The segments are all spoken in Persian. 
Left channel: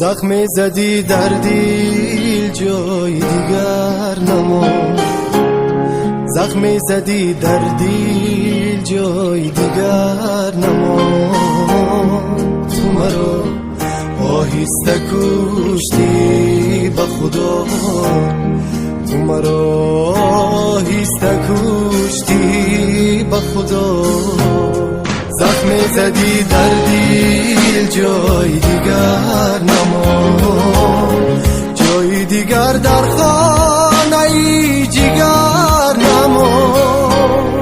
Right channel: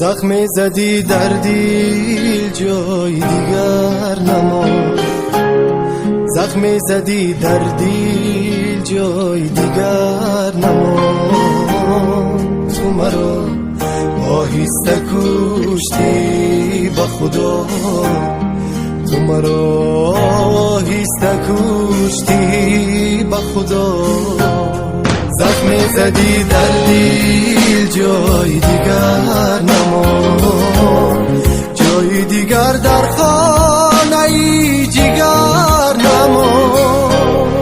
زخم زدی در دل جای دیگر نماند، زخم زدی در دل جای دیگر نماند. تو مرا آهسته کشتی به خدا، تو مرا آهسته کشتی به خدا. زخم زدی در دل جای دیگر نماند، جای دیگر در خانه جگر نماند.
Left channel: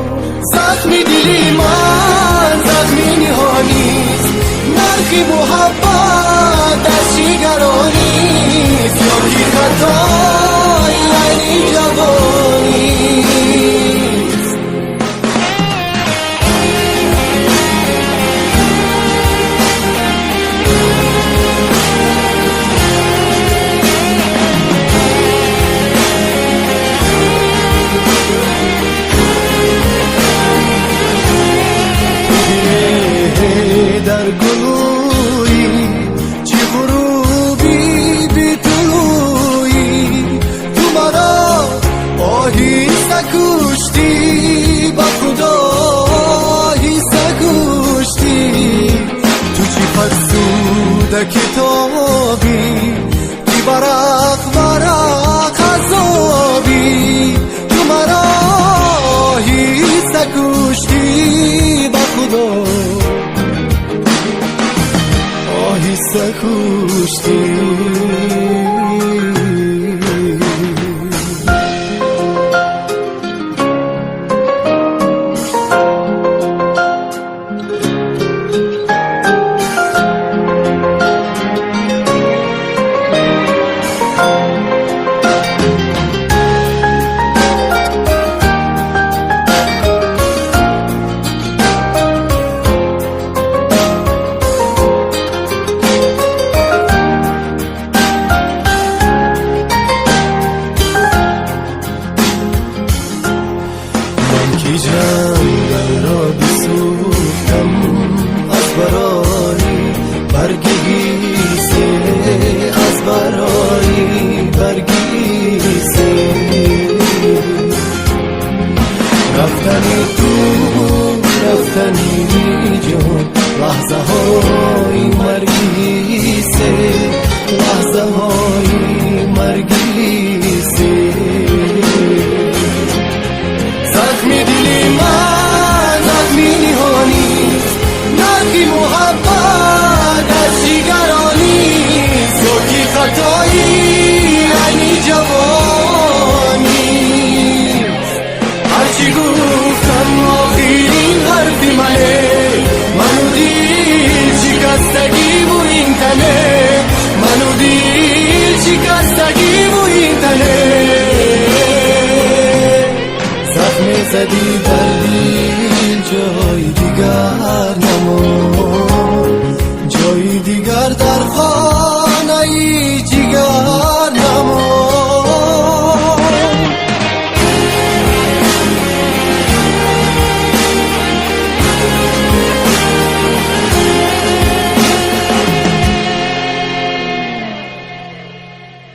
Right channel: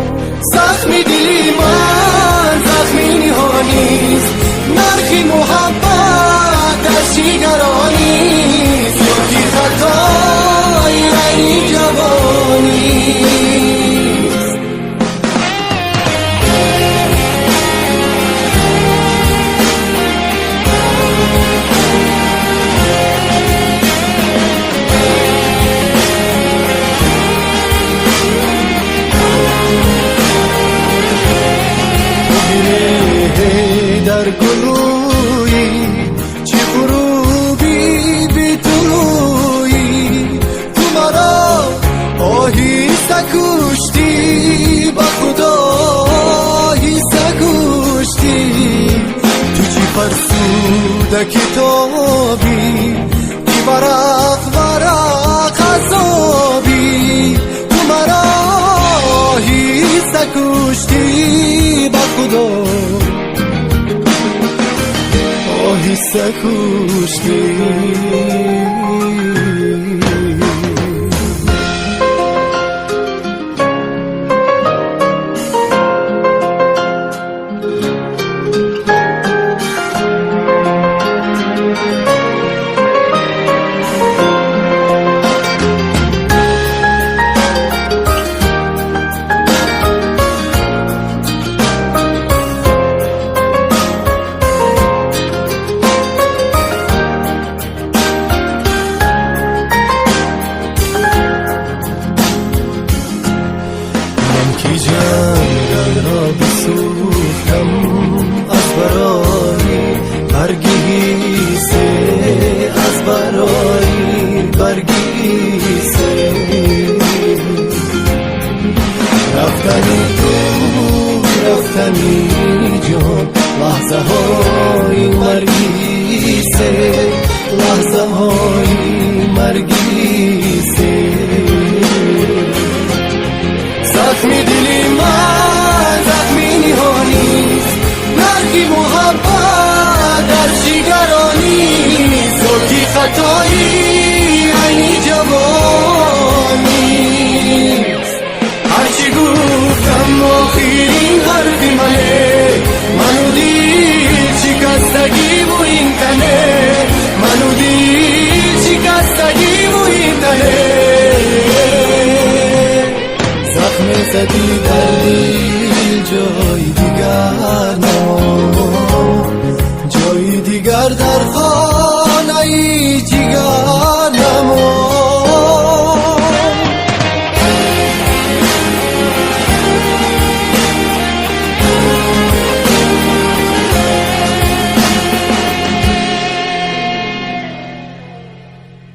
زخم دلی من زخمی نهانیست، نرخی محبت در شیگرانیست، یا کی خطای یعنی جوانیست. در گلوی چی غروبی بی طلوعی، تو مرا آهسته کشتی به خدا، آهسته کشتی. تو چی فرسوده کتابی که ورق ورق عذابی، تو مرا آهسته کشتی به خدا، آهسته کشتی. کی جنگل را بسوختم از برای برگی سه، از برای برگی سه. رفتنی تو رفتنی جان، لحظه های مرگی سه، لحظه های مرگی سه. زخم دلی من زخمی نهانیست، نرخی محبت از جگرانیست، تو کی خطایی یعنی جوانیست. هرچی گفتم آخرین حرفی منه، منو دل شکستگی و این تنه، منو دل شکستگی و این تنه. زخم زدی در دل جای دیگر نماند، جای دیگر در خانه